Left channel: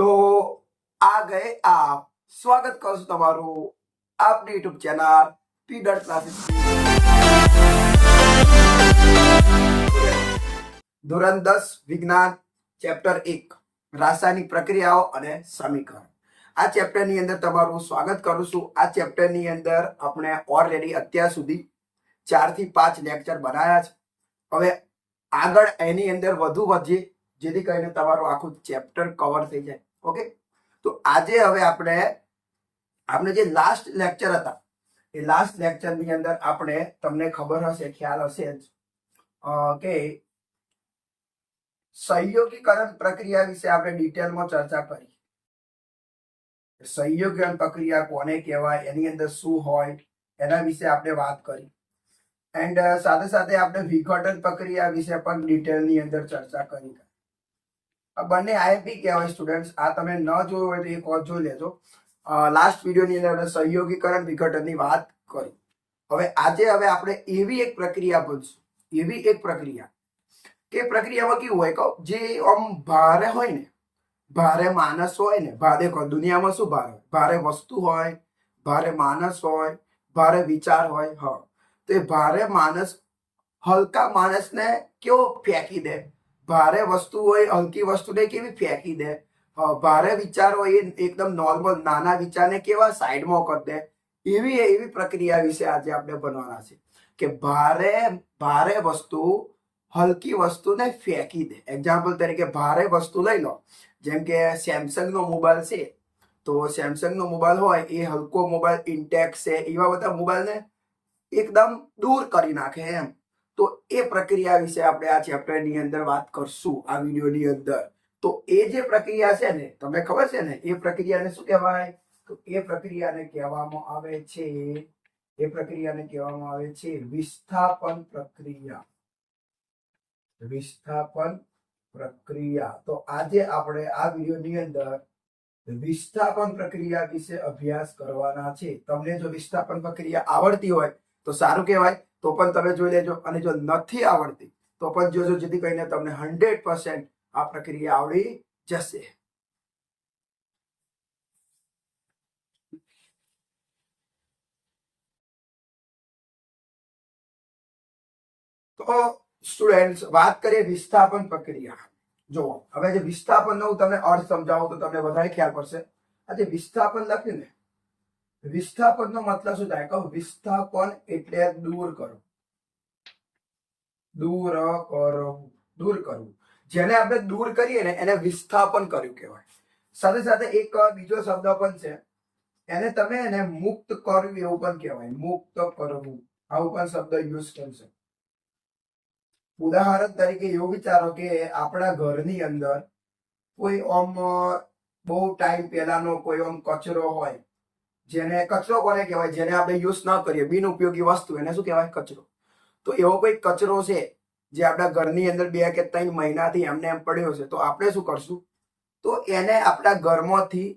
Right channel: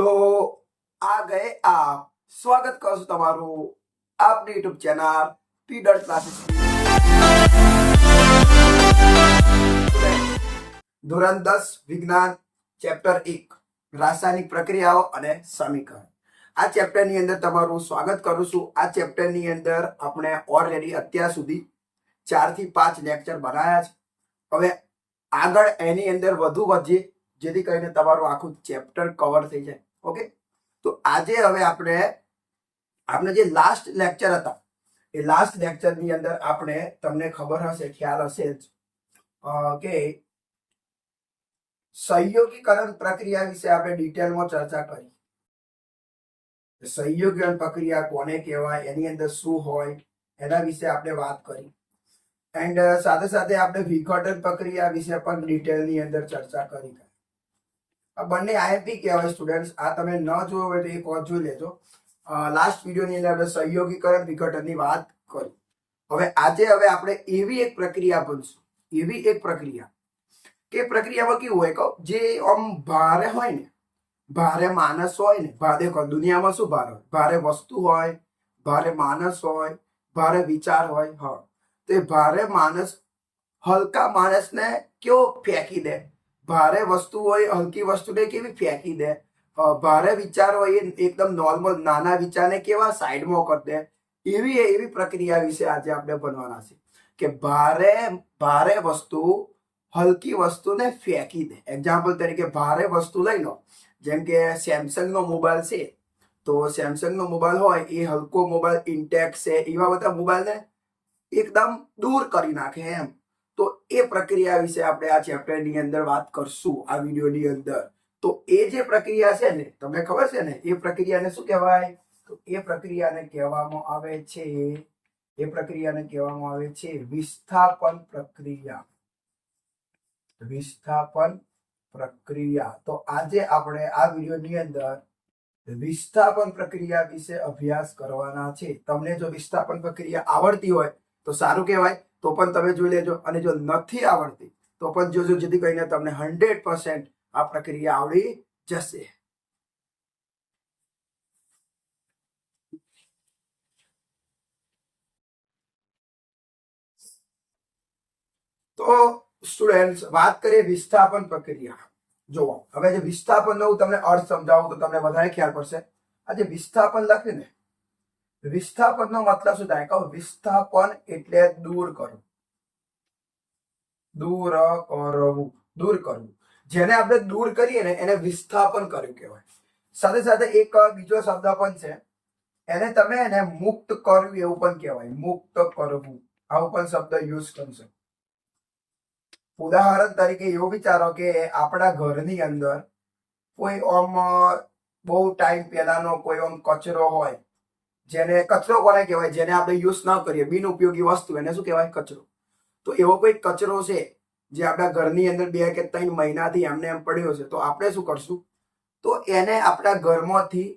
તો આ ગયે આપ. સ્વાગત કરશું તમારું આપની યુટ્યુબ ચેનલ પીડર ક્લાસીસ. ધોરણ દસ, વિજ્ઞાન, ચેપ્ટર એક, રાસાયણિક પ્રક્રિયાઓ અને સમીકરણ. આ ચેપ્ટરની અંદર તમારું સ્વાગત કરું છું. આ ચેપ્ટરની અંદર આપણે ઓલરેડી અત્યાર સુધી ચારથી પાંચ લેક્ચર બનાવ્યા છે. હવે આગળ એની અંદર વધુ વધીએ, જેથી કરીને તમારું આખું ચેપ્ટર કવર થઈ જાય. ઓકે? તો આજે હવે આપણે આપણે જે લાસ્ટ લેક્ચર હતા, એ લાસ્ટ લેક્ચરની અંદર આપણે તમને ખબર હશે, ખ્યાલ હશે જ કે સહયોગીકરણ પ્રક્રિયા વિશે આપણે ડિટેલમાં ચર્ચા કરી. સહયોગીકરણ પ્રક્રિયા કોને કહેવાય, એની અંદર શું હોય, એના વિશે આપણે વાત કરી. એન્ડ સાથે સાથે આપણે વિઘટન પ્રક્રિયા વિશે પણ ડિટેલની અંદર ચર્ચા કરી. આ બંને આઈએમપી કહેવાય સ્ટુડન્ટ્સ આ તમે ન જોયો હોય તો એ કોચ જોઈ લેજો. લાસ્ટ વિડીયોની અંદર આપણે સહયોગીકરણ વિઘટનની વાત કરી. હવે આજે હવે આપણે એવી એક પ્રક્રિયા બનશું એવી એક પ્રક્રિયા. કે પ્રક્રિયામાં કેવું હોય કહો? જે આમ ભારે હોય ને, ભારે માણસ હોય ને, ભારે દુનિયામાં શું ભારે હોય? ભારે વસ્તુ હોય, ભારે માણસ હોય, ભારે વિચાર હોય, હા. તો એ ભારે માણસ, હલકા માણસને કેવો ફેંકી દે? ભારે વસ્તુ હોય, હલકી વસ્તુને કેવી ફેંકી દે? ભારે વિચાર હોય, એ એકદમ નોર્મલ નાના વિચારને કેવા સાઈડમાં કરી દે? એવી એવી પ્રક્રિયા વિશે આજે આપણે ભણવાના છે કે ભારે ભારે વસ્તુ હલકી વસ્તુને ફેંકી દે. એક્ઝામ્પલ તરીકે ભારે વસ્તુ લઈ લો. જેમ કે સેમસંગનો મોબાઈલ છે. તો સેમસંગનો મોબાઈલ હોય, એ હલકો મોબાઈલ ઇન્ટેક્સ છે, એવા બધા મોબાઈલને એકદમ દૂર કરી નાખે એમ. તો એ પ્રક્રિયા વિશે આપણે આ ચેપ્ટરની અંદર વાત કરશું, આ વિડીયોની અંદર. તો એ જે પ્રક્રિયા છે ને, તમને ખબર છે ને, એ પ્રક્રિયાને શું કહેવાય? તો એ પ્રક્રિયાને કહેવામાં આવે છે, એ પ્રક્રિયાને કહેવામાં આવે છે વિસ્થાપન પ્રક્રિયા. વિસ્થાપન પ્રક્રિયા. તો આજે આપણે આ વિડીયોની અંદર વિસ્થાપન પ્રક્રિયા વિશે અભ્યાસ કરવાના છે. તમને જો વિસ્થાપન પ્રક્રિયા આવડતી હોય તો સારું કહેવાય, તો પણ તમે જોઈ લેજો. અને જો નથી આવડતી, તો પણ જોજો જેથી કરીને તમને હંડ્રેડ પર્સન્ટ આ પ્રક્રિયા આવડી જશે. તો સ્ટુડન્ટ વાત કરીએ વિસ્થાપન પ્રક્રિયા. જુઓ, હવે જે વિસ્થાપનનો હું તમને અર્થ સમજાવું તો તમને વધારે ખ્યાલ પડશે. આ જે વિસ્થાપન લખ્યું ને વિસ્થાપનનો મતલબ શું થાય? કહો, વિસ્થાપન એટલે દૂર કરવું. દૂર કરવું. દૂર કરવું. જેને આપણે દૂર કરીએ ને એને વિસ્થાપન કર્યું કહેવાય. સાથે સાથે એક બીજો શબ્દ પણ છે. એને તમે એને મુક્ત કરવું એવું પણ કહેવાય. મુક્ત કરવું. આવું પણ શબ્દ યુઝ કરશો ઉદાહરણ તરીકે એવું વિચારો કે આપણા ઘરની અંદર કોઈ આમ, બહુ ટાઈમ પહેલાનો કોઈ આમ કચરો હોય જેને કચરો કોને કહેવાય? જેને આપણે યુઝ ના કરીએ બિનઉપયોગી વસ્તુ, એને શું કહેવાય? કચરો. તો એવો કોઈ કચરો છે જે આપણા ઘરની અંદર બે કે ત્રણ મહિનાથી એમને એમ પડ્યો છે, તો આપણે શું કરશું? તો એને આપણા ઘરમાંથી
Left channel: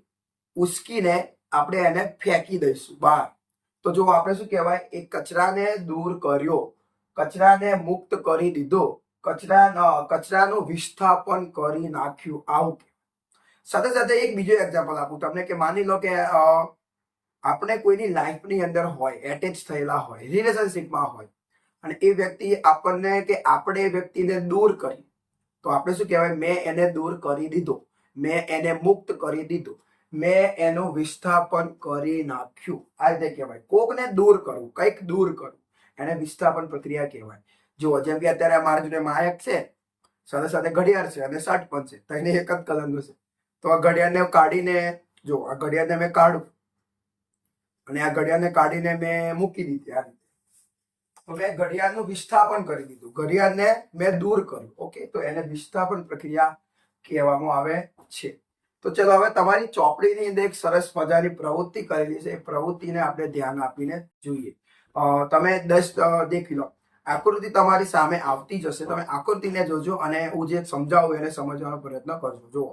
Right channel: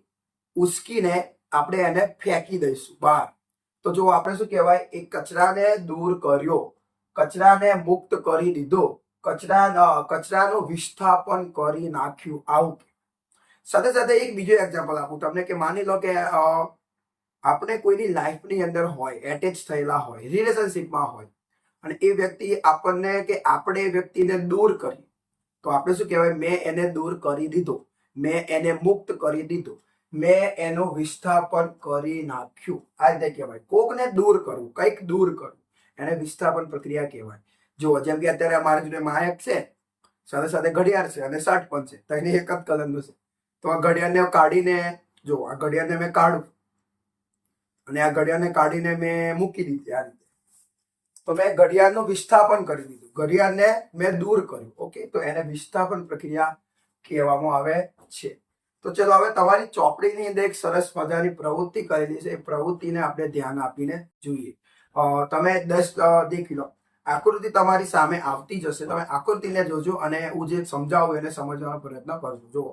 ઉસકીને આપણે એને ફેંકી દઈશું બહાર. તો જો આપણે શું કહેવાય? એ કચરાને દૂર કર્યો, કચરાને મુક્ત કરી દીધો કચરા કચરાનું વિસ્થાપન કરી નાખ્યું, આવું સાથે સાથે એક બીજો એક્ઝામ્પલ આપું તમને કે માની લો કે આપણે કોઈની લાઈફની અંદર હોય એટેચ થયેલા હોય રિલેશનશિપમાં હોય, અને એ વ્યક્તિ આપણને કે આપણે એ વ્યક્તિને દૂર કરી, તો આપણે શું કહેવાય? મેં એને દૂર કરી દીધો. મેં એને મુક્ત કરી દીધો. મેં એનું વિસ્થાપન કરી નાખ્યું. આ રીતે કહેવાય. કોકને દૂર કરવું, કંઈક દૂર કરવું. એને વિસ્થાપન પ્રક્રિયા કહેવાય. જુઓ જેમ કે અત્યારે અમારા જોડે માયક છે, સાથે સાથે ઘડિયાળ છે અને શર્ટ પણ છે, તો એને એક જ કલરનું છે. તો આ ઘડિયાળને કાઢીને, જો આ ઘડિયાળને મેં કાઢું અને આ ઘડિયાળને કાઢીને મેં મૂકી દીધી આ રીતે. તો મેં ઘડિયાળનું વિસ્થાપન કરી દીધું. ઘડિયાળને મેં દૂર કર્યું, ઓકે? તો એને વિસ્થાપન પ્રક્રિયા કહેવામાં આવે છે. તો ચલો હવે તમારી ચોપડીની અંદર એક સરસ મજાની પ્રવૃત્તિ કરેલી છે. એ પ્રવૃત્તિને આપણે ધ્યાન આપીને જોઈએ. તમે દસ દેખી લો. આકૃતિ તમારી સામે આવતી જ હશે તમે આકૃતિને જોજો અને હું જે સમજાવું એને સમજવાનો પ્રયત્ન કરજો. જુઓ.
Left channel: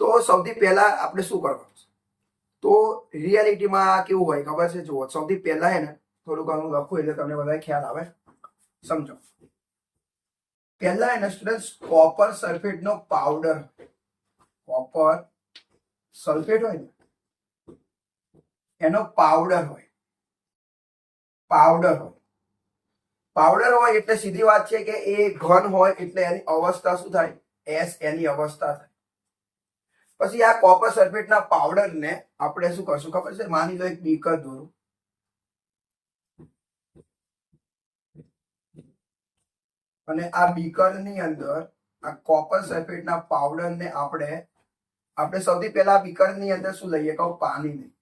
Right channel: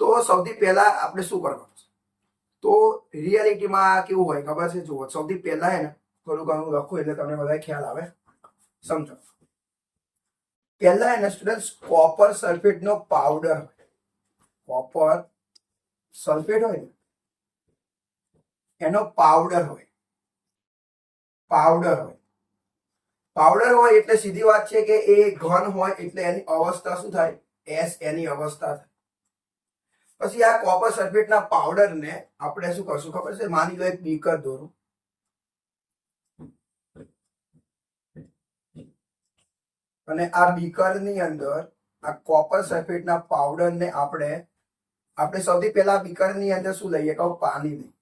તો સૌથી પહેલા આપણે શું કરવાનું તો રિયાલિટીમાં કેવું હોય? ખબર છે? જુઓ, સૌથી પહેલા હે ને, થોડું ઘણું લખું એટલે તમને બધા ખ્યાલ આવે. સમજો. પહેલા એને સ્ટુડન્ટ કોપર સલ્ફેટનો પાવડર કોપર સલ્ફેટ હોય. ને, એનો પાવડર હોય. પાવડર હોય. પાવડર હોય એટલે સીધી વાત છે કે એ ઘન હોય એટલે એની અવસ્થા શું થાય? એસ એની અવસ્થા થાય. પછી આ કોપર સલ્ફેટના પાવડરને આપણે શું કરશું? ખબર છે? માની લો એક બીકર દોરું. અને આ બીકરની અંદર આ કોપર સલ્ફેટના પાવડરને આપણે આપણે સૌથી પહેલા બીકરની અંદર શું લઈએ? કહું, પાણી લઈએ.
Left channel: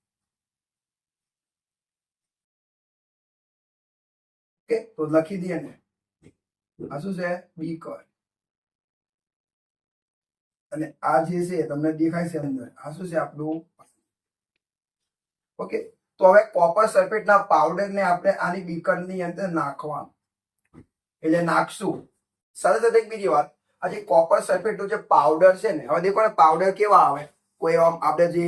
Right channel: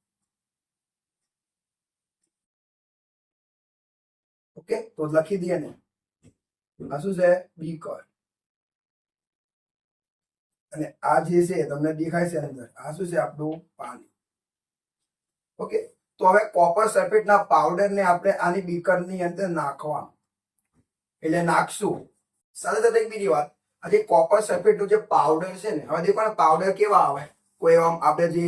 ઓકે તો લખી દઈએ ને. આ શું છે? બીકર અને આ જે છે તમને દેખાય છે અંદર. આ શું છે? આપણું પાણી ઓકે તો હવે કોપર સલ્ફેટના પાવડરને આપણે આની બીકરની અંદર નાખવાનું. એટલે નાખશું. સાથે સાથે બીજી વાત. આ જે કોપર સલ્ફેટનું જે પાવડર છે ને, હવે દેખો પાવડર કેવા આવે? કોઈ આમ આપણે જે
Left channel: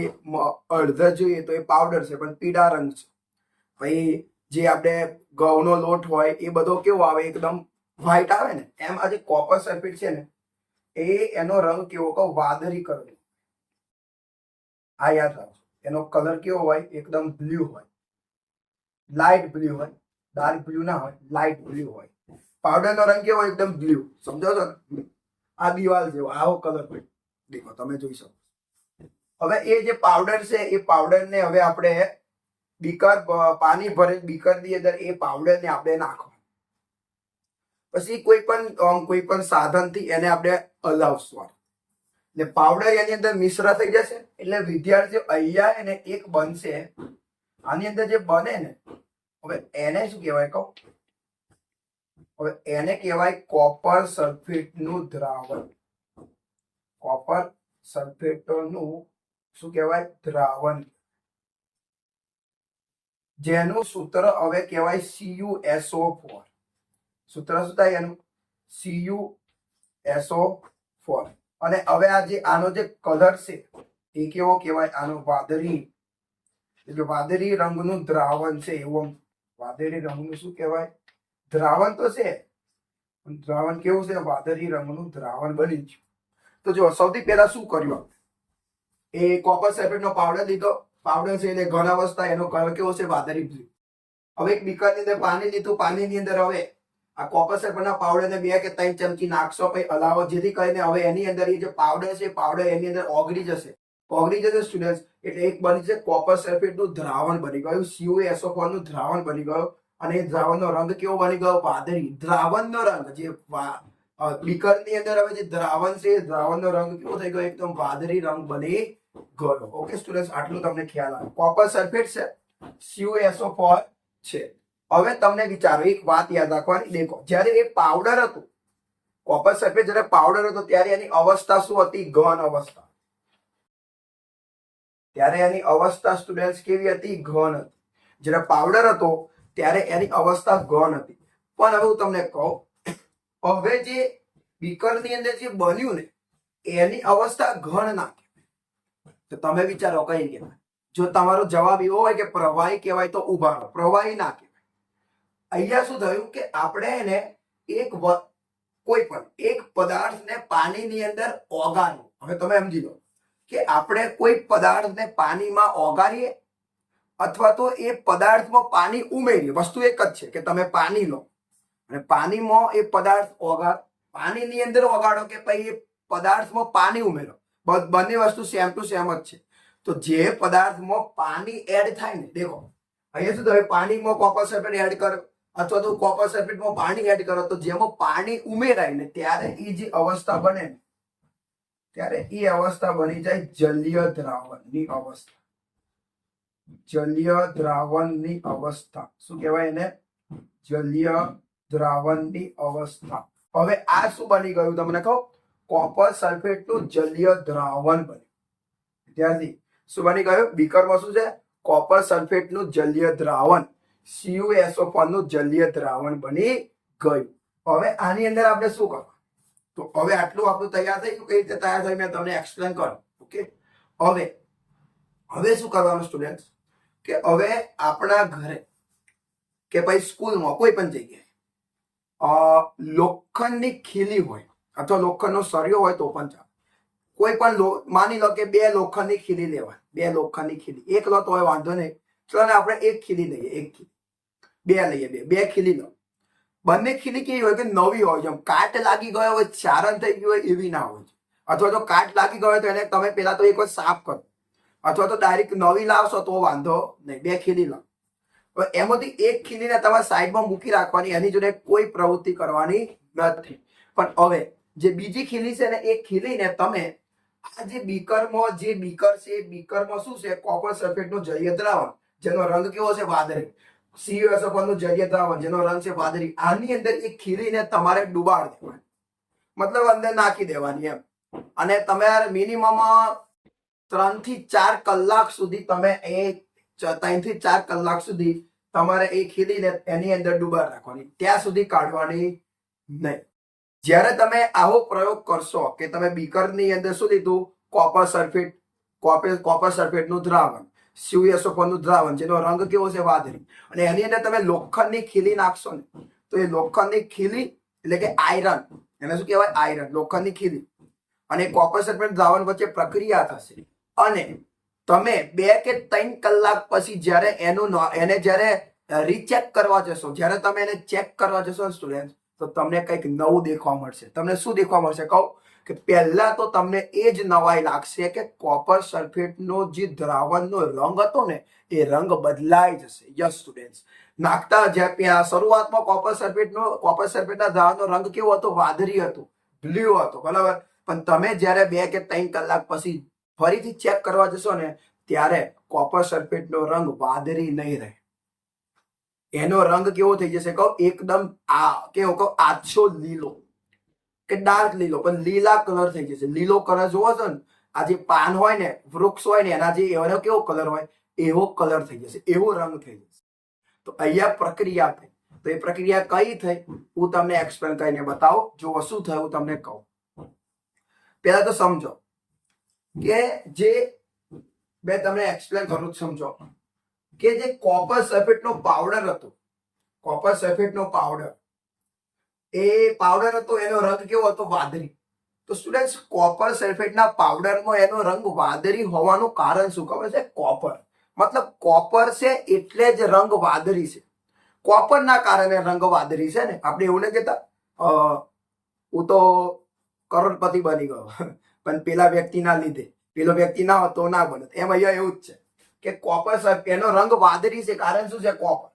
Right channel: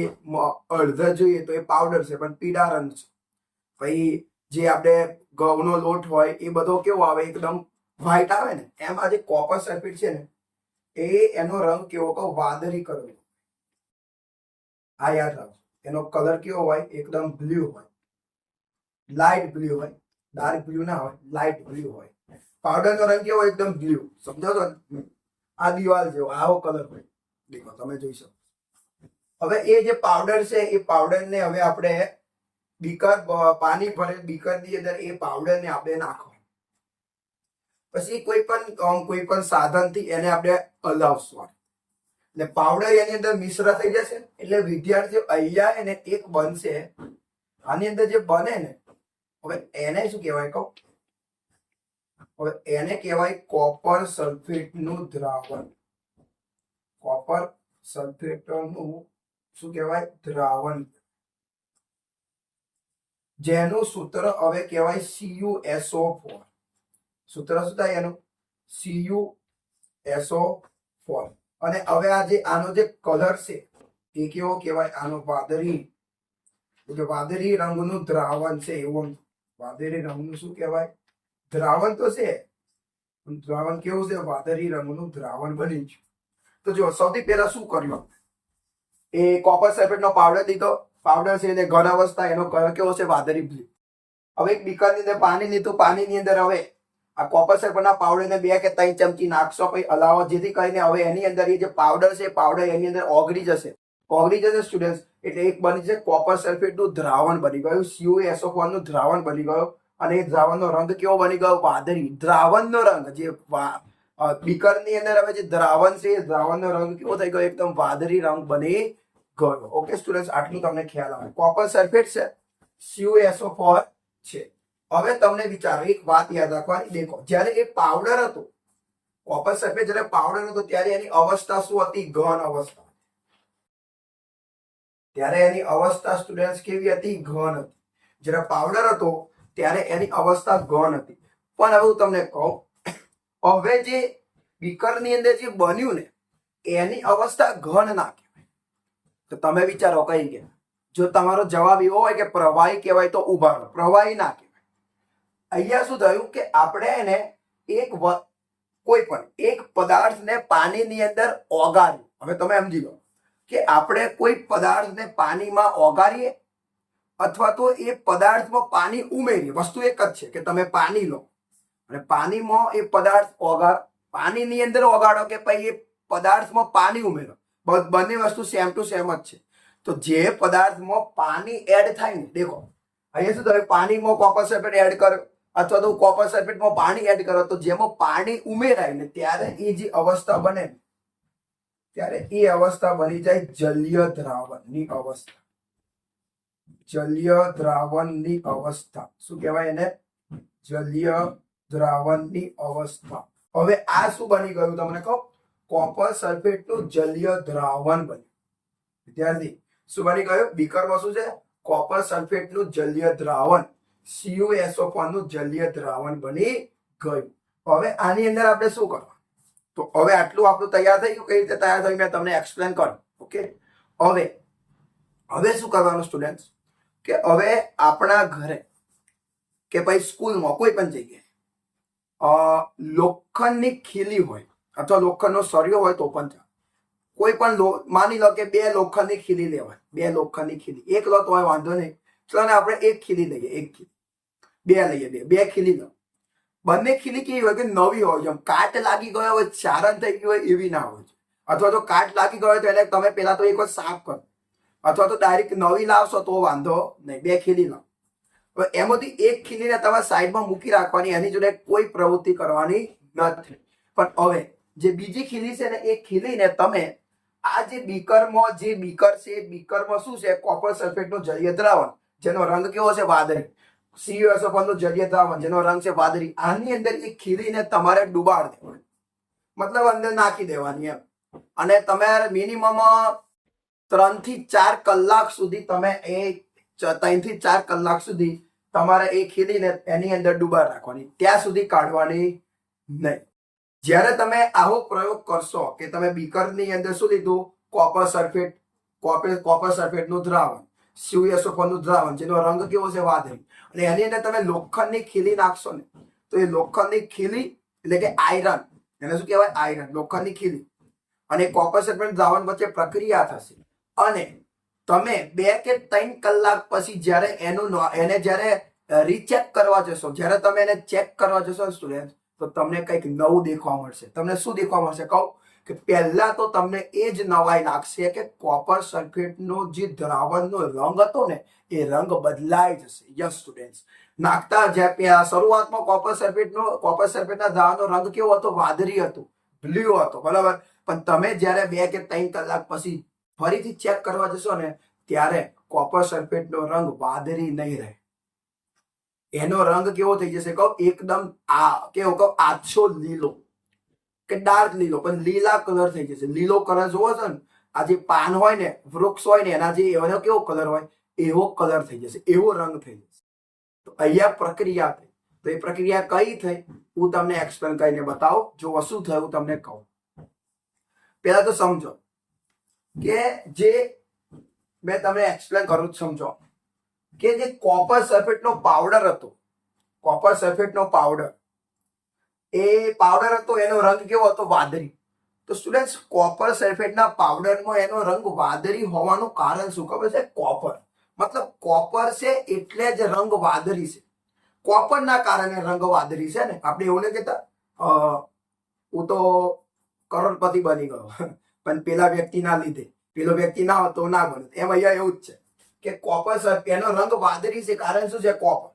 અડધર જોઈએ તો એ પાવડર છે, પણ પીળા રંગ છે. પછી જે આપણે ઘઉંનો લોટ હોય એ બધો કેવો આવે? એકદમ વ્હાઈટ આવે ને? એમ આ જે કોપર સલ્ફેટ છે ને એ એનો રંગ કેવો કહો? વાદળી કલર આ યાદ રાખજો. એનો કલર કેવો હોય? એકદમ બ્લુ હોય. લાઇટ બ્લુ હોય. ડાર્ક બ્લુ ના હોય. લાઇટ બ્લુ હોય. પાવડરનો રંગ કેવો? એકદમ બ્લુ. સમજો છો આ દિવાલ જેવો, આવો કલર હોય. દેખો, તમે જોઈ શકો. હવે એ જે પાવડર છે, એ પાવડરને હવે આપણે બીકર પાણી ભરે, બીકરની અંદર એ પાવડરને આપણે નાખવાનું પછી કોઈ પણ કોઈ પણ સાધનથી એને આપણે હલાવશું એટલે પાવડર એની અંદર મિશ્ર થઈ જશે, એટલે વિદ્યાર્થીઓ અહીંયા એને એક બનશે. આની અંદર જે બને ને, હવે એને શું કહેવાય કહું? હવે એને કહેવાય કોપર સલ્ફેટનું દ્રાવણ. કોપર સલ્ફેટનું શું કહેવાય? દ્રાવણ. જેનું સૂત્ર હવે કહેવાય સીયુએસઓ ફોર સૂત્ર શું થાય એનું સીયુએસઓ ફોર અને હવે આ જે, આનો જે કલર છે, એ કેવો કહેવાય? આનો વાદળી. એટલે વાદળી રંગનું દ્રાવણ છે, એવું વાદળી રંગનું શું કહેવાય? દ્રાવણ તો છે દ્રાવણ કેવું છે? વાદળી રંગનું દ્રાવણ બની છે. તો જો સૌથી પહેલા શું કર્યું? એ કોપર સલ્ફેટનો પાવડર લીધો. પાવડર છે એટલે ઘન અવસ્થા, એનો કલર કેવો છે? વાદળી બ્લુ હવે એક બીકરની અંદર પાણી લીધું. પાણીની અંદર હવે આ કોપર સલ્ફેટના પાવડરને બે કે ત્રણ ચમચી નાખશો પછી હલાવો જેથી કરીને હવે એની અંદર એ જે પાવડર છે પાવડર એની અંદર ઓગળી જશે. ઓગળી જશે સ્ટુડન્ટ એટલે એક બની છે કોપર સલ્ફેટનું દ્રાવણ બની ગયું. સીયુએસઓ નું દ્રાવણ બની ગયું. અને એ દ્રાવણનો રંગ કેવો બની ગયો? વાદળી. દ્રાવણનો રંગ જે બીકરની અંદર હવે જે દ્રાવણ છે એ દ્રાવણનો રંગ કેવો થઈ ગયો? એકદમ વાદળી રંગ બની ગયો. ઓકે સ્ટુડન્ટ આટલું તમને ખ્યાલ આવે. કોપર સલ્ફેટ છે સીયુએસઓ છે. હવે તમને વિચારો, એક વાત યાદ રાખવાની. દેખો, જ્યારે એ પાવડર હતો કોપર સલ્ફેટ જ્યારે પાવડર હતો, ત્યારે એની અવસ્થા શું હતી? ઘન અવસ્થા. ત્યારે એની અવસ્થા સ્ટુડન્ટ કેવી હતી? ઘન હતી. જ્યારે પાવડર હતો, ત્યારે એની અવસ્થા ઘન હતી. પણ હવે હું તમને કહું, હવે જે બીકરની અંદર જે બન્યું ને, એની અવસ્થા ઘન ના કહેવાય. તો તમે વિચારો, કઈ કહેવાય? જો તમારો જવાબ એવો હોય કે પ્રવાહી કહેવાય તો ઊભા રહો. પ્રવાહી ના કહેવાય. અહીંયા શું થયું કે આપણે એને એક કોઈ પણ એક પદાર્થને પાણીની અંદર ઓગાળ્યું. હવે તમે સમજી લો કે આપણે કોઈ પદાર્થને પાણીમાં ઓગાળીએ અથવા તો એ પદાર્થમાં પાણી ઉમેરીએ. વસ્તુ એક જ છે કે તમે પાણી લો. અને પાણીમાં એ પદાર્થ ઓગાળ, પાણીની અંદર ઓગાળો કે પછી એ પદાર્થમાં પાણી ઉમેરો. બંને વસ્તુ સેમ ટુ સેમ જ છે. તો જે પદાર્થમાં પાણી એડ થાય ને, દેખો, અહીંયા શું થયું? પાણીમાં કોપર સલ્ફેટ એડ કર્યો. અથવા તો કોપર સલ્ફેટમાં પાણી એડ કરો, તો જેમાં પાણી ઉમેરાય ને ત્યારે એ જે અવસ્થા બને ત્યારે એ અવસ્થા બની જાય જલીય દ્રાવણની અવસ્થા. જલીય દ્રાવણની અવસ્થા. શું કહેવાય એને? જલીય દ્રાવણની અવસ્થા. હવે આ શું બની ગયું તમને કહો? કોપર સલ્ફેટનું જલીય દ્રાવણ બન્યું. વિદ્યાર્થી, શું બની ગયું? બીકરમાં શું છે? કોપર સલ્ફેટનું જલીય દ્રાવણ CuSO4 નું જલીય દ્રાવણ બની ગયું. હવે આની અંદર આપણે શું કરવાનું? તો હવે આટલું આપણું તૈયાર થઈ ગયું. કઈ રીતે તૈયાર થયું મેં તમને એક્સપ્લેન કર્યું. ઓકે હવે હવે શું કરવાનું સ્ટુડન્ટ કે હવે આપણા ઘરે કે પછી સ્કૂલમાં કોઈ પણ જગ્યાએ લોખંડની ખીલી હોય અથવા લોખંડનો સળિયો હોય તો પણ ચાલે. કોઈ પણ માની લો કે બે લોખંડની ખીલી લેવાય બે લોખંડની ખીલી. એક લો હોય વાંધો નહીં. ચલો આપણે એક ખીલી લઈએ, એક ખીલી. બે લઈએ, બે બે ખીલી લો બંને ખીલી કેવી હોય કે નવી હોય, જેમ કાટ લાગી ગયો હોય, ચારણ થઈ ગયું હોય, એવી ના હોય. છે અથવા તો કાટ લાગી ગયો તો એને તમે પેલા તો એક વાર સાફ કરો. અથવા તો ડાયરેક્ટ નવી લાવશો, તો વાંધો નહીં. બે ખીલી લાવ હવે એમાંથી એક ખીલીને તમારે સાઈડમાં મૂકી રાખવાની, એની જોડે કોઈ પ્રવૃત્તિ કરવાની નથી. પણ હવે જે બીજી ખીલી છે ને, એ ખીલીને તમે આ જે બીકરમાં, જે બીકર છે બીકરમાં શું છે? કોપર સલ્ફેટનું જરિયત દ્રાવણ. જેનો રંગ કેવો છે વાદળી. સીયુએસએફએલનું જરિયતાવન જેનો રંગ છે વાદળી. આની અંદર એ ખીલીને તમારે ડુબાડ દેવાની. મતલબ અંદર નાખી દેવાની એમ. અને તમે મિનિમમ ત્રણથી ચાર કલાક સુધી તમે એ ત્રણથી ચાર કલાક સુધી તમારે એ ખીલીને એની અંદર ડુબાડ રાખવાની. ત્યાં સુધી કાઢવાની નહીં. જ્યારે તમે આવો પ્રયોગ કરશો કે તમે બીકરની અંદર શું લીધું? કોપર સલ્ફેટ કોપર કોપર સલ્ફેટનું દ્રાવણ. નું દ્રાવણ, જેનો રંગ કેવો છે વાદળી. અને એની અંદર તમે લોખંડની ખીલી નાખશો ને, તો એ લોખંડની ખીલી એટલે કે આયરન એને શું કહેવાય? આયરન લોખંડની ખીલી. અને કોપર સલ્ફેટ દ્રાવણ વચ્ચે પ્રક્રિયા થશે. અને તમે બે કે ત્રણ કલાક પછી જ્યારે એનું એને જ્યારે રીચેક કરવા જશો, જ્યારે તમે એને ચેક કરવા જશો સ્ટુડન્ટ તો તમને કંઈક નવું દેખવા મળશે. તમને શું દેખવા મળશે? કહું. કે પહેલા તો તમને એ જ નવાઈ લાગશે કે કોપર સલ્ફેટનો જે દ્રાવણનો રંગ હતો ને, એ રંગ બદલાઈ જશે. યસ સ્ટુડન્ટ્સ નાખતા જ્યાં શરૂઆતમાં કોપર સલ્ફેટનો કોપર સલ્ફેટના દ્રાવણનો રંગ કેવો હતો? વાદળી હતો. બ્લુ હતો. બરાબર? પણ તમે જ્યારે બે કે ત્રણ કલાક પછી ફરીથી ચેક કરવા જશો ને, ત્યારે કોપર સલ્ફેટનો રંગ વાદળી નહીં રહે. એનો રંગ કેવો થઈ જશે? કહો, એકદમ આ, કેવો? કહો, આછો લીલો. કે ડાર્ક લીલો, પણ લીલા કલર થઈ જશે. લીલો કલર જોવો છો ને, આ જે પાન હોય ને, વૃક્ષ હોય ને, એના જે એનો કેવો કલર હોય, એવો કલર થઈ જશે, એવો રંગ થઈ જશે. તો અહીંયા પ્રક્રિયા થઈ. તો એ પ્રક્રિયા કઈ થઈ? હું તમને એક્સપ્લેન કરીને બતાવો. જો શું થયું હું તમને કહું. પહેલા તો સમજો કે જે, મેં તમને એક્સપ્લેન કરું સમજો. કે જે કોપર સલ્ફેટનો પાવડર હતો કોપર સલ્ફેટનો પાવડર એ પાવડર હતો, એનો રંગ કેવો હતો? વાદળી. તો સ્ટુડન્ટ્સ કોપર સલ્ફેટના પાવડરમાં એનો રંગ વાદળી હોવાનું કારણ શું? ખબર છે? કોપર મતલબ કોપર છે એટલે જ રંગ વાદળી છે. કોપરના કારણે રંગ વાદળી છે ને? આપણે એવું નહીં કહેતા? હું તો કરોડપતિ બની ગયો. પણ પેલા વ્યક્તિના લીધે. પેલો વ્યક્તિ ના હતો ના બને. એમ અહીંયા એવું જ છે કે કોપર એનો રંગ વાદળી છે. કારણ શું છે? કોપર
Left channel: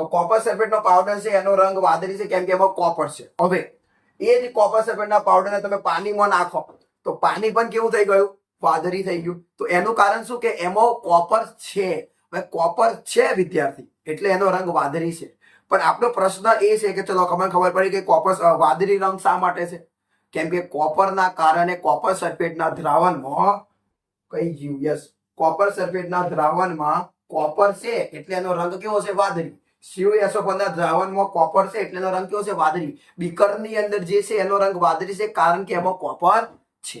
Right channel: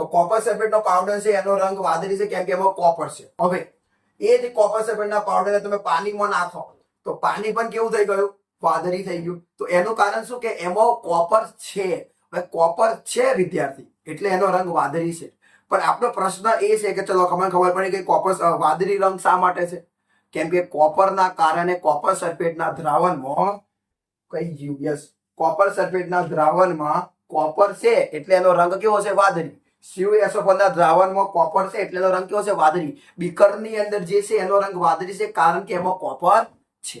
તો કોપર સલ્ફેટનો પાવડર છે, એનો રંગ વાદળી છે, કેમ કે એમાં કોપર છે. હવે, એ જ કોપર સલ્ફેટના પાવડરને તમે પાણીમાં નાખો, તો પાણી પણ કેવું થઈ ગયું? વાદળી થઈ ગયું. તો એનું કારણ શું કે એમાં કોપર છે. કોપર છે, વિદ્યાર્થી, એટલે એનો રંગ વાદળી છે. પણ આપણો પ્રશ્ન એ છે કે ચલો તમને ખબર પડી કે કોપર વાદળી રંગ શા માટે છે? કેમ કે કોપરના કારણે કોપર સલ્ફેટના દ્રાવણમાં, કઈ જીવ, યસ કોપર સલ્ફેટના દ્રાવણમાં કોપર છે, એટલે એનો રંગ કેવો છે? વાદળી. CuSO4 ના દ્રાવણમાં કોપર છે એટલે રંગ કેવો છે? વાદળી. બીકરની અંદર જે છે એનો રંગ વાદળી છે કારણ કે એમાં કોપર છે.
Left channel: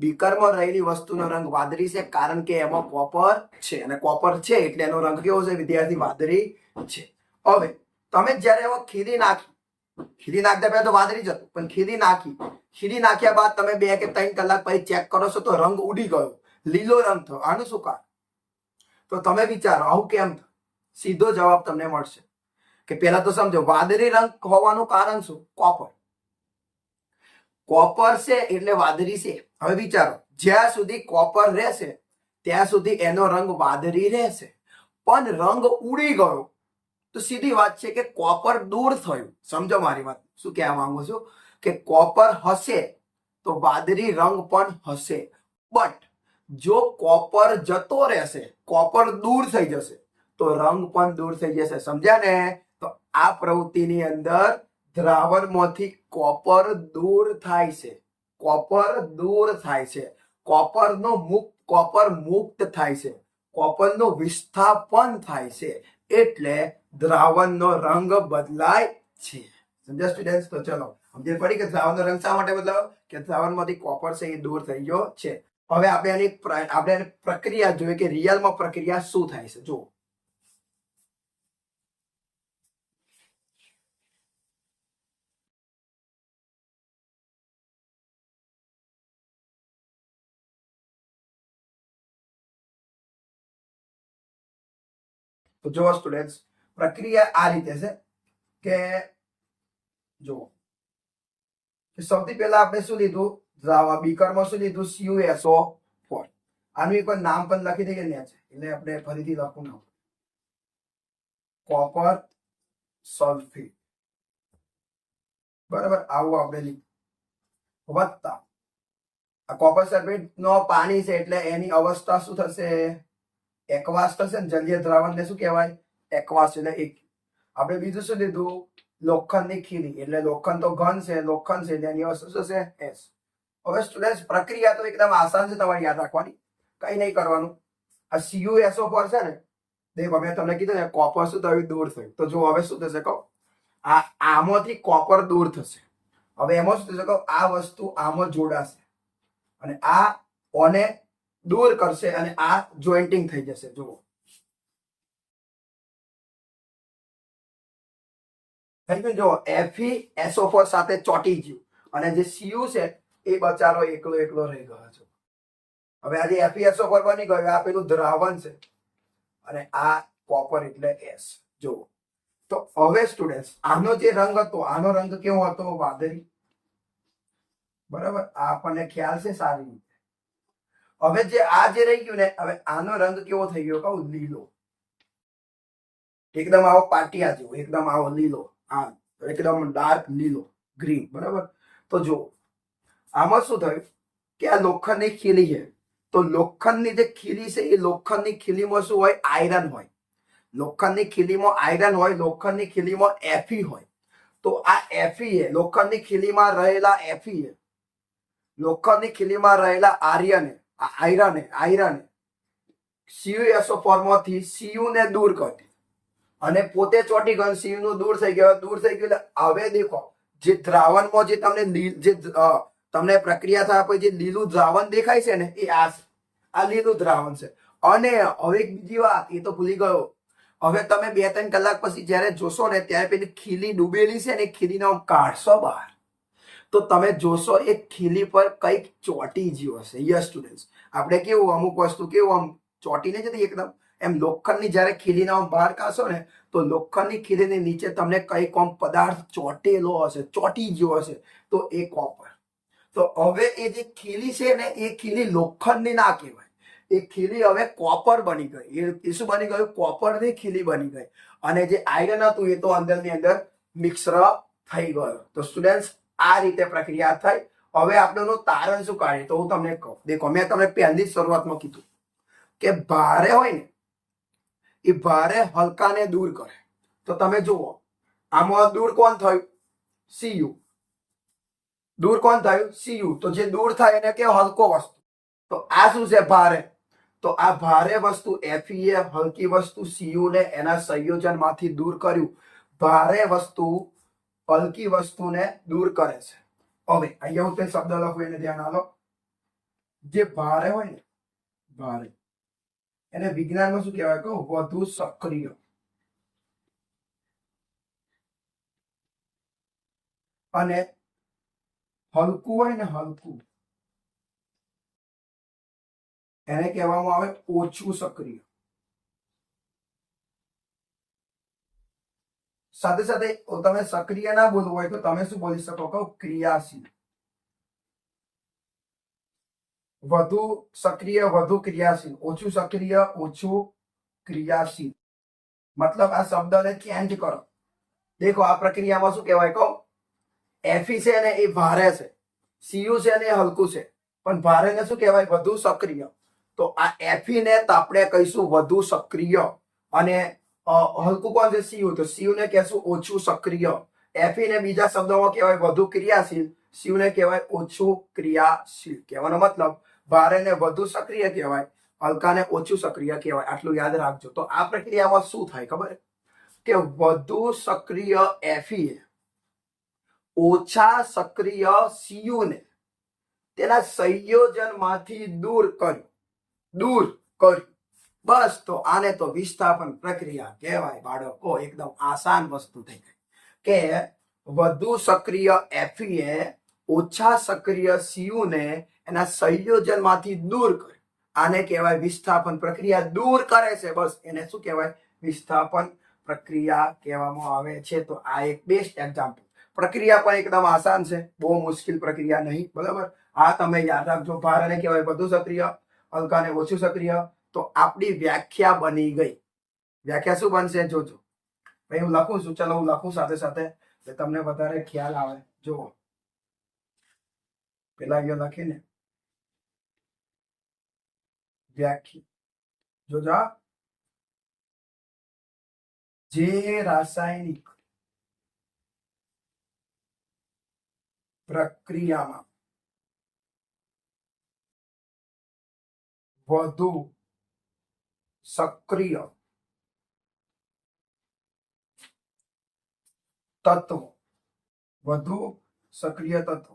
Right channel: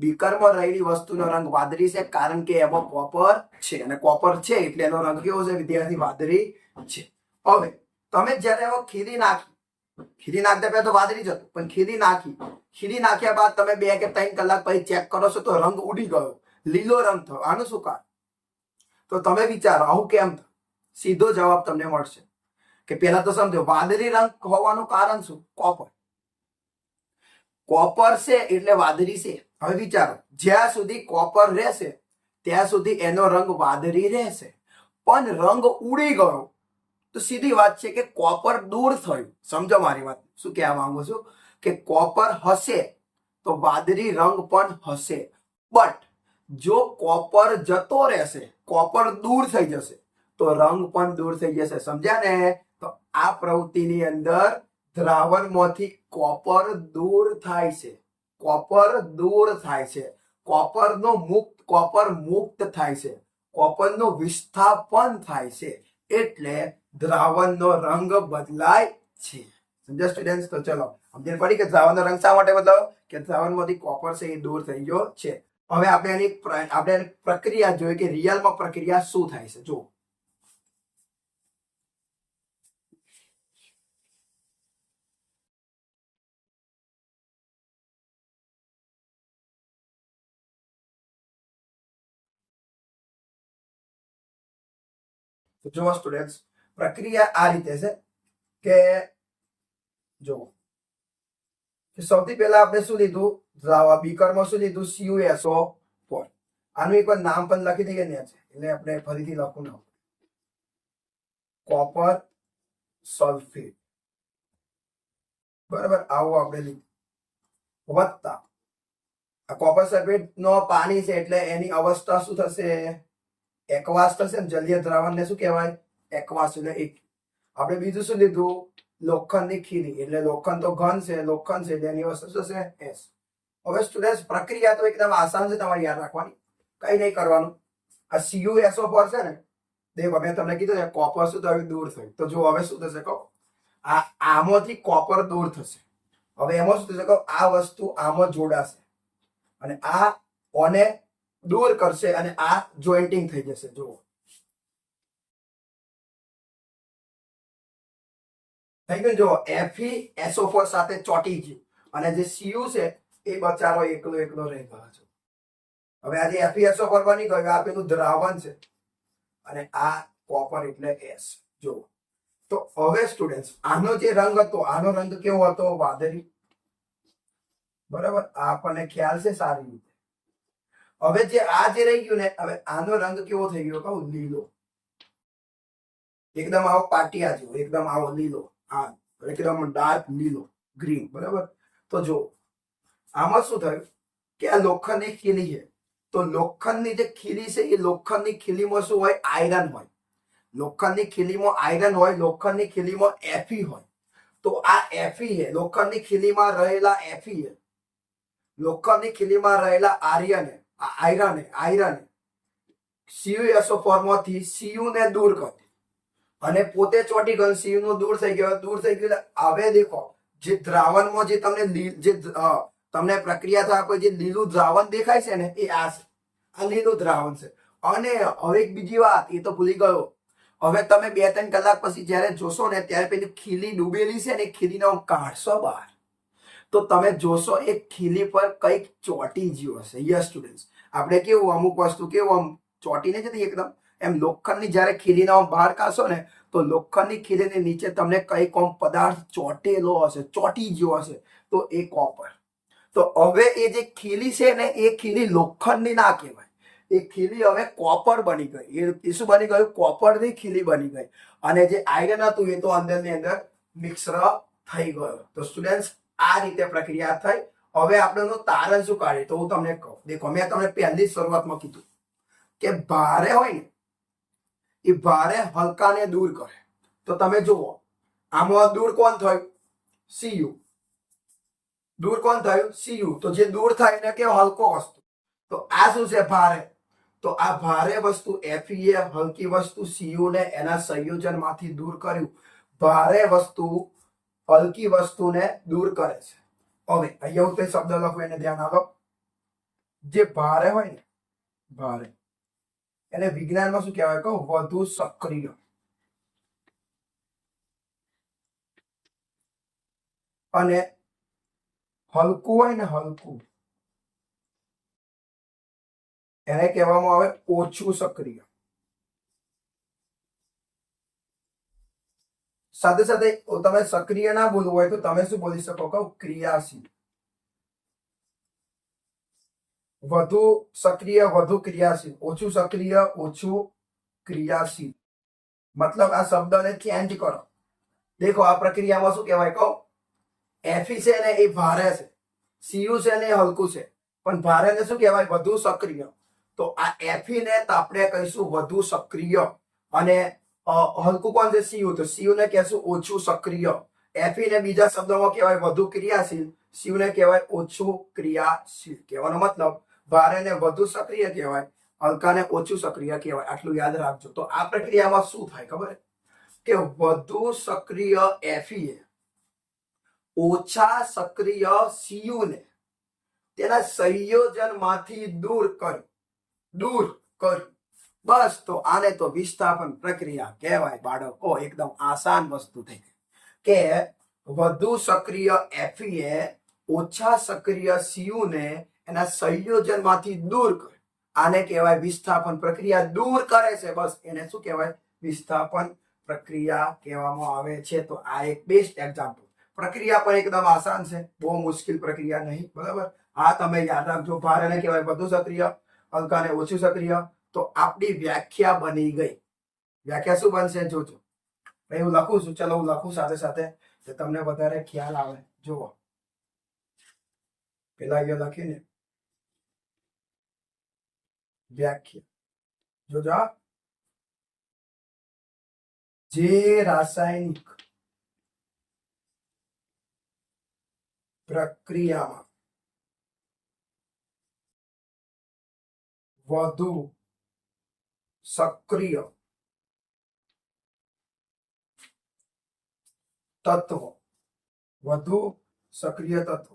બીકરમાં રહેલી વસ્તુનો રંગ વાદળી છે કારણ કે એમાં કોપર છે અને કોપર છે એટલે એનો રંગ કેવો છે? વિદ્યાર્થી વાદળી છે. હવે, તમે જ્યારે ખીલી નાખી, ખીરી નાખતા પહેલા તો વાદળી જ હતું, પણ ખીરી નાખી, ખીરી નાખ્યા બાદ તમે બે કે ત્રણ કલાક પછી ચેક કરો છો તો રંગ ઉડી ગયો. લીલો રંગ થયો. આનું શું કારણ? તો તમે વિચારો, આવું કેમ થયું? સીધો જવાબ તમને મળશે. કે પહેલા તો સમજો, વાદળી રંગ હોવાનું કારણ શું? કોપર. કોપર છે એટલે વાદળી છે. હવે વિચારો, જ્યાં સુધી કોપર રહેશે, ત્યાં સુધી એનો રંગ વાદળી રહેશે. પણ રંગ ઉડી ગયો, તો સીધી વાત છે કે કોપર દૂર થયું. સમજો મારી વાત. શું કહેવા માંગુ છું? કે કોપર હશે, તો વાદળી રંગ પણ હશે. બટ, જો કોપર જતો રહેશે, કોપર દૂર થઈ જશે તો રંગ પણ દૂર થઈ જશે, સમજ્યા ને? તો આ પ્રવૃત્તિની અંદર દ્રાવણમાંથી કોપર દૂર થાય છે. કોપર દૂર થાય છે. કોપરનો મુક્ત, કોપર મુક્ત થાય છે. કોપરનો વિસ્થાપન થાય છે. એટલે દ્રાવણનો રંગ બદલાય છે. સમજ્યા સ્ટુડન્ટ તો ચલો સમજણ પડી કે દ્રાવણનો રંગ શા માટે બદલાવ કે દ્રાવણમાંથી કોપર છે એ દૂર થઈ ગયો છે. હવે આપણે એની આપણે પ્રક્રિયા જોઈએ કે રિયલમાં પ્રક્રિયા શું થાય છે. જુઓ. તો જો સ્ટુડન્ટ પ્રક્રિયા આ રીતે છે કે જુઓ. સૌથી પહેલા આપણે શું લીધું? બીકરમાં શું લીધું? સીયુએસઓ ફોર આનું એકવાર નામ પણ લખી દઈએ ને એટલે આપણે ફરીથી લખવું ના કોપર સલ્ફેટ બરાબર? આવું આપણે લીધું. વત્તા. આ કોપર સલ્ફેટ નો પાણી છે એટલે એની અવસ્થા શું થશે? એકવાસ થશે ને જલીય દ્રાવણને શું કહેવાય? એકવાસ એટલે એક. આપણે બીજું શું લીધું? લોખંડની ખીલી એટલે લોખંડ તો ઘન છે, લોખંડ છે એટલે એની વસ્તુ શું છે? એસ. હવે સ્ટુડન્ટ પ્રક્રિયા તો એકદમ આસાન છે તમારે યાદ રાખવાની. કઈ નહીં કરવાનું. આ સીયુએસઓ પર છે ને દેખો મેં તમને કીધું ને કોપર શું થયું? દૂર થયું. તો જો હવે શું થશે કહો? આ આમાંથી કોપર દૂર થશે. હવે એમાં શું થશે કહો? આ વસ્તુ આમાં જોડાશે. અને આ, ઓને દૂર કરશે અને આ જોઈન્ટિંગ થઈ જશે. જુઓ. થઈ ગયું જુઓ. એફી એસઓ ફોર સાથે ચોટી ગયું. અને જે સીયુ છે, એ બચારો એકલો એકલો રહી ગયો છે. હવે આજે એફી એસઓ ફોર બની ગયું. આ પેલું દ્રાવણ છે. અને આ કોપર એટલે એસ જુઓ. તો હવે સ્ટુડન્ટ આનો જે રંગ હતો, આનો રંગ કેવો હતો? વાદળી. બરાબર? આ આપણને ખ્યાલ છે સારી રીતે. હવે જે આ જે રહી ગયું ને, હવે આનો રંગ કેવો થઈ ગયો કહું? લીલો. એકદમ આવો પાટિયા જેવો, એકદમ આવો લીલો. આ એકદમ ડાર્ક લીલો ગ્રીન બરાબર? તો જો, આમાં શું થયું કે આ લોખંડની ખીલી છે. તો લોખંડની જે ખીલી છે, એ લોખંડની ખીલીમાં શું હોય? આયરન હોય. લોખંડની ખીલીમાં આયરન હોય, લોખંડની ખીલીમાં એફી હોય. તો આ એફી એ લોખંડની ખીલીમાં રહેલા એફી એ લોખંડની ખીલીમાં રહેલા આર્યને આ આયરને, આયરાને. સીયુએસઓ ફોર્મમાંથી સીયુ ને દૂર કરી અને પોતે ચોટી ગયો સીયુનું દૂર થઈ ગયો. દૂર થઈ ગયું એટલે હવે દેખો, જે દ્રાવણમાં જે તમને જે તમને પ્રક્રિયા થયા જે લીલું દ્રાવણ દેખાય છે ને, એ આ છે. આ લીલું દ્રાવણ છે. અને હવે એક બીજી વાત, એ તો ભૂલી ગયો. હવે તમે બે ત્રણ કલાક પછી જ્યારે જોશો ને, ત્યારે પેલી ખીલી ડૂબેલી છે ને ખીલીને કાઢશો બહાર. તો તમે જોશો એ ખીલી પર કંઈક ચોટી જ્યું હશે. યસ સ્ટુડન્ટ આપણે કેવું, અમુક વસ્તુ કેવું, આમ ચોટીને જતી એકદમ. એમ લોખંડની જ્યારે ખીલીને આમ બહાર કાઢશો ને, તો લોખંડની ખીલીની નીચે તમને કંઈક આમ પદાર્થ ચોટેલો હશે, ચોટી ગયો હશે. તો એ કોપર તો હવે એ જે ખીલી છે ને, એ ખીલી લોખંડની ના કહેવાય. એ ખીલી હવે કોપર બની ગઈ. એ- શું બની ગયું? કોપરની ખીલી બની ગઈ. અને જે આયરન હતું, એ તો અંદરની અંદર મિક્સર થઈ ગયો. તો સ્ટુડન્ટ્સ આ રીતે પ્રક્રિયા થઈ. હવે આપણે તારણ શું કાઢે? તો હું તમને કહું. દેખો, મેં તમને પહેલી શરૂઆતમાં કીધું કે ભારે હોય ને, એ ભારે હલકાને દૂર કરે. તો તમે જુઓ, આમાં દૂર કોણ થયું? સીયુ દૂર કોણ થયું? સીયુ તો જે દૂર થાય એને કે હલકો વસ્તુ. તો આ શું છે ભારે? તો આ ભારે વસ્તુ એફઈએ હલકી વસ્તુ સીયુ ને એના સંયોજનમાંથી દૂર કર્યું. ભારે વસ્તુ હલકી વસ્તુને દૂર કરે છે. હવે, અહીંયા હું તે શબ્દ લખું, એને ધ્યાન આપો. જે ભારે હોય ને, ભારે. એને વિજ્ઞાનમાં શું કહેવાય? કહું, વધુ સક્રિય. અને હલકું હોય ને હલકું, એને કહેવામાં આવે ઓછું સક્રિય. સાથે સાથે તમે સક્રિય ના બોલવું હોય તો તમે શું બોલી શકો? કહું, ક્રિયાશીલ. વધુ સક્રિય, વધુ ક્રિયાશીલ. ઓછું સક્રિય, ઓછું ક્રિયાશીલ. મતલબ આ શબ્દને ચેન્જ કરો. દેખો, આ પ્રક્રિયામાં શું કહેવાય? કહો. એફી છે ને એ ભારે છે. સીયુ છે ને એ હલકું છે. પણ ભારે ને શું કહેવાય? વધુ સક્રિય. તો આ એફી ને તો આપણે કહીશું વધુ સક્રિય. અને હલકું કોણ છે? સીયુ. તો સીયુ કહેશું ઓછું સક્રિય. એફી ને બીજા શબ્દોમાં કહેવાય વધુ ક્રિયાશીલ. સીયુ કહેવાય ઓછું ક્રિયાશીલ. કહેવાનો મતલબ ભારે ને વધુ સક્રિય કહેવાય, હલકાને ઓછું સક્રિય કહેવાય. આટલું યાદ રાખજો. તો આ પ્રક્રિયામાં શું થાય ખબર? કે વધુ સક્રિય એફી ઓછા સક્રિય સીયુને તેના સંયોજનમાંથી દૂર કર્યું. દૂર કર્યું. બસ, તો આને તો વિસ્થાપન પ્રક્રિયા કહેવાય બાળકો. એકદમ આસાન વસ્તુ થઈ ગઈ. કે વધુ સક્રિય એફીએ ઓછા સક્રિય સીયુ ને એના સંયોજનમાંથી દૂર કરે. આને કહેવાય વિસ્થાપન પ્રક્રિયા. દૂર કરે છે, બસ. એને શું કહેવાય? વિસ્થાપન પ્રક્રિયા કહેવામાં આવે છે. તો આ એક બેસ્ટ એક્ઝામ્પલ પ્રક્રિયા પણ એકદમ આસાન છે. બહુ મુશ્કેલ પ્રક્રિયા નહીં, બરાબર? આ તમે યાદ રાખજો. ભારને કહેવાય વધુ સક્રિય, હલકાને ઓછું સક્રિય. તો આપણી વ્યાખ્યા બની ગઈ. વ્યાખ્યા શું બનશે? જોજો. ભાઈ, હું લખું છું. ચલો, હું લખું સાથે સાથે. તો તમને વધારે ખ્યાલ આવે. જુઓ. પેલા અહીંયા લખીને. વ્યાખ્યા. જોજો આ. જે રાસાયણિક પ્રક્રિયામાં વધુ સક્રિય તત્વ વધુ સક્રિય તત્વ.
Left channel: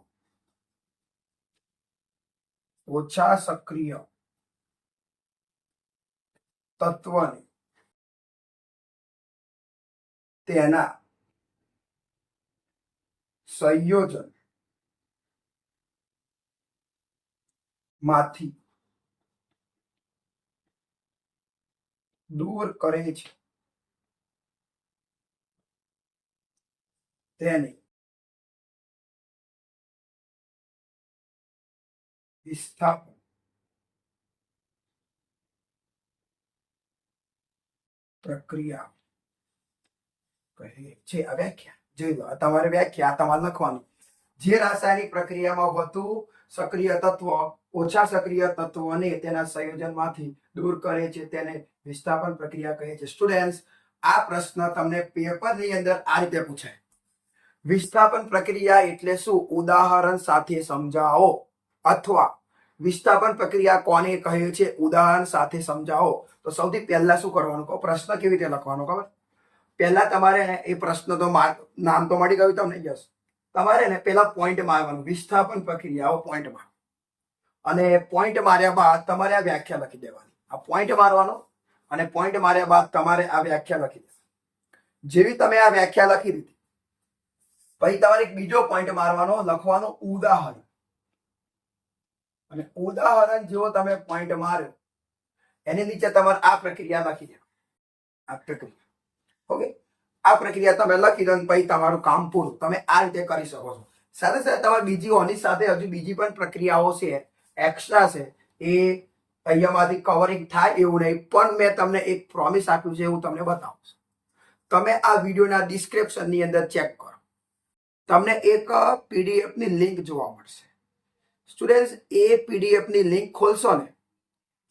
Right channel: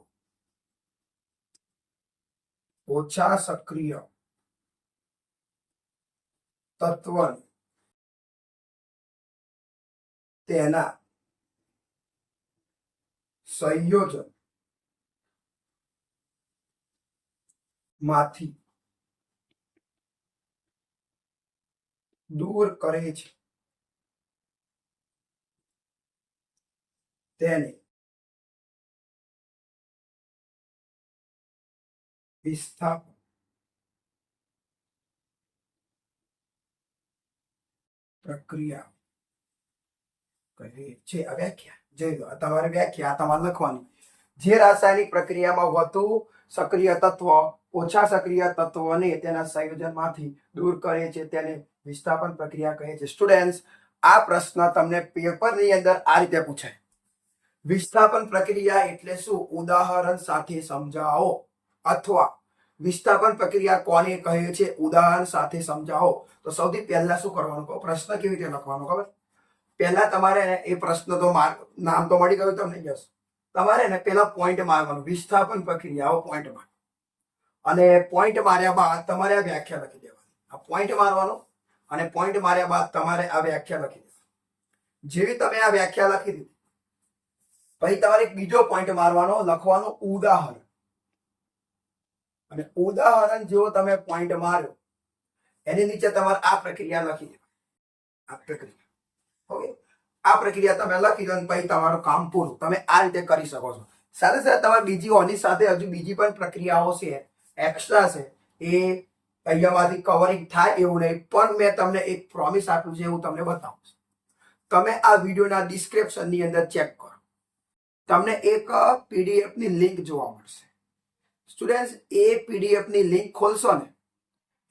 ઓછા સક્રિય તત્વને તેના સંયોજનમાંથી દૂર કરે છે. તેને વિસ્થાપન પ્રક્રિયા કહે છે. આ વ્યાખ્યા, જોઈ લો તમારે વ્યાખ્યા તમારે લખવાની. જે રાસાયણિક પ્રક્રિયામાં વધુ સક્રિય તત્વ, ઓછા સક્રિય તત્વોને તેના સંયોજનમાંથી દૂર કરે છે, તેને વિસ્થાપન પ્રક્રિયા કહે છે. સ્ટુડન્ટ્સ આ પ્રશ્ન તમને પેપરની અંદર આ રીતે પૂછાય. વિસ્થાપન પ્રક્રિયા એટલે શું? ઉદાહરણ સાથે સમજાવો. અથવા વિસ્થાપન પ્રક્રિયા કોને કહે છે? ઉદાહરણ સાથે સમજાવો. તો સૌથી પહેલા શું કરવાનું? કહો, પ્રશ્ન કેવી રીતે લખવાનો? ખબર? પહેલા તમારે એ પ્રશ્ન તો માર્ક, નામ તો મળી ગયું તમને, યસ. તમારે ને પેલા પોઈન્ટ મારવાનું. વિસ્થાપન પ્રક્રિયાઓ પોઈન્ટ મારો. અને પોઈન્ટ માર્યા બાદ તમારે આ વ્યાખ્યા લખી દેવાની. આ પોઈન્ટ મારવાનો અને પોઈન્ટ માર્યા બાદ તમારે આ વ્યાખ્યા લખી દીધી જેવી તમે આ વ્યાખ્યા લખી દીધી, પછી તમારે બીજો પોઈન્ટ મારવાનો, લખવાનો ઉદાહરણ. અને ઉદાહરણ જેવો તમે પોઈન્ટ માર્યો, એની નીચે તમારે આ પ્રક્રિયા લખી દો આ પ્રક્રિયા. ઓકે આ પ્રક્રિયા તમે લખી દો પછી તમારું કામ પૂરું. તમે આ રીતે કરી શકો છો. સાથે સાથે તમારે બીજી ઓની સાથે હજુ બીજી પણ પ્રક્રિયાઓ છે. એક્સ્ટ્રા છે. એ અહીંયામાંથી કવરિંગ થાય એવું નહીં, પણ મેં તમને એક પ્રોમિસ આપ્યું છે, હું તમને બતાવું તમે આ વિડીયોના ડિસ્ક્રિપ્શનની અંદર ચેક કરો. તમને એક પીડીએફની લિંક જોવા મળશે. સ્ટુડન્ટ્સ એ પીડીએફની લિંક ખોલશો ને,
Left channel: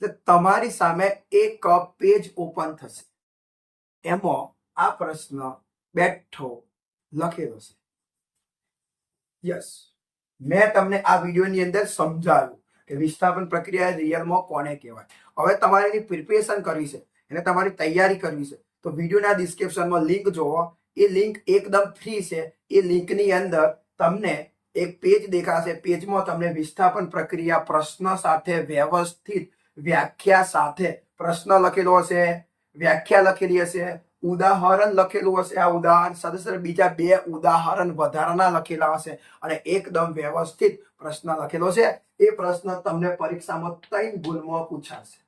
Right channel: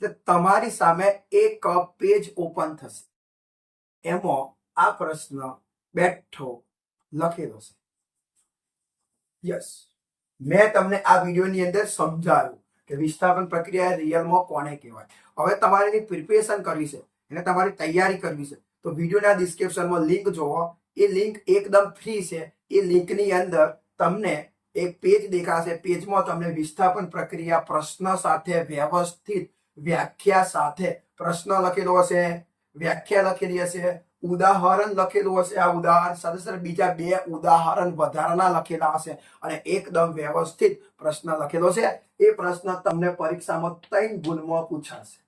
તો તમારી સામે એક પેજ ઓપન થશે. એમાં આ પ્રશ્ન બેઠો લખેલો છે. યસ મેં તમને આ વિડીયોની અંદર સમજાવ્યું. કે વિસ્થાપન પ્રક્રિયા રિયલમાં કોને કહેવાય? હવે તમારે એની પ્રિપેરેશન કરવી છે, એને તમારી તૈયારી કરવી છે. તો વિડીયોના ડિસ્ક્રિપ્શનમાં લિંક જોવો. એ લિંક એકદમ ફ્રી છે. એ લિંકની અંદર તમને એક પેજ દેખાશે. પેજમાં તમને વિસ્થાપન પ્રક્રિયા, પ્રશ્ન સાથે વ્યવસ્થિત વ્યાખ્યા સાથે પ્રશ્ન લખેલો હશે. વ્યાખ્યા લખેલી હશે. ઉદાહરણ લખેલું હશે. આ ઉદાહરણ સાથે સાથે બીજા બે ઉદાહરણ વધારાના લખેલા હશે અને એકદમ વ્યવસ્થિત પ્રશ્ન લખેલો છે. એ પ્રશ્ન તમને પરીક્ષામાં ત્રણ ગુણમાં પૂછાશે.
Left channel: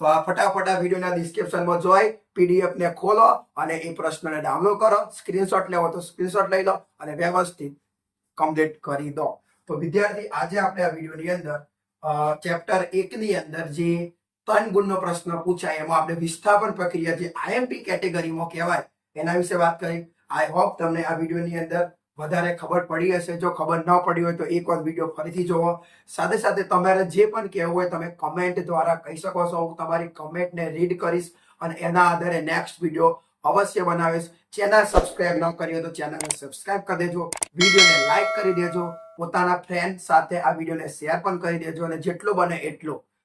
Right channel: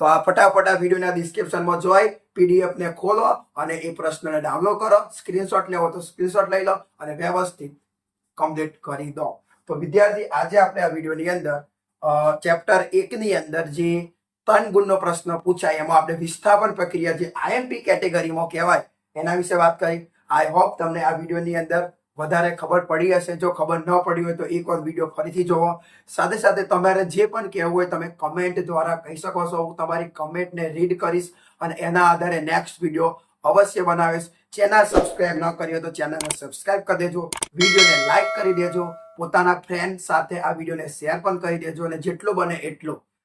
તો આ ફટાફટ આ વિડીયોના ડિસ્ક્રિપ્શનમાં જોઈ પીડીએફ ને ખોલો અને એ પ્રશ્નને ડાઉનલોડ કરો. સ્ક્રીનશોટ લેવો તો સ્ક્રીનશોટ લઈ લો અને વ્યવસ્થિત કમ્પ્લીટ કરી દો. તો વિદ્યાર્થી, આજે આપણે આ વિડીયોની અંદર ચેપ્ટર એકની અંદર જે ત્રણ ગુણનો પ્રશ્ન પૂછાય. એમાં આપણે વિસ્થાપન પ્રક્રિયા જે આઈએમપી કેટેગરીમાં કહેવાય, એના વિશે વાત કરી. આઈ હોપ તમને આ વિડીયોની અંદર વધારે ખબર પડી હશે. જો ખબર ન પડી હોય તો એક વાર વીડિયો ફરીથી જોવો. સાથે સાથે તમારે જે પણ કહેવું હોય તમે કમેન્ટ દ્વારા કહી શકો છો. હું તમારી કમેન્ટને રીડ કરીશ અને એના આધારે નેક્સ્ટ વીડિયો અવશ્ય બનાવીશ. ચેનલ સબસ્ક્રાઇબ ન કરી હોય તો ચેનલને સબસ્ક્રાઇબ કરી દેજો. વિડીયોને લાઇક કરી દેજો. પોતાના ફ્રેન્ડ સાથે આ વિડીયોને શેર પણ કરી દેજો અને જેટલો બને એટલો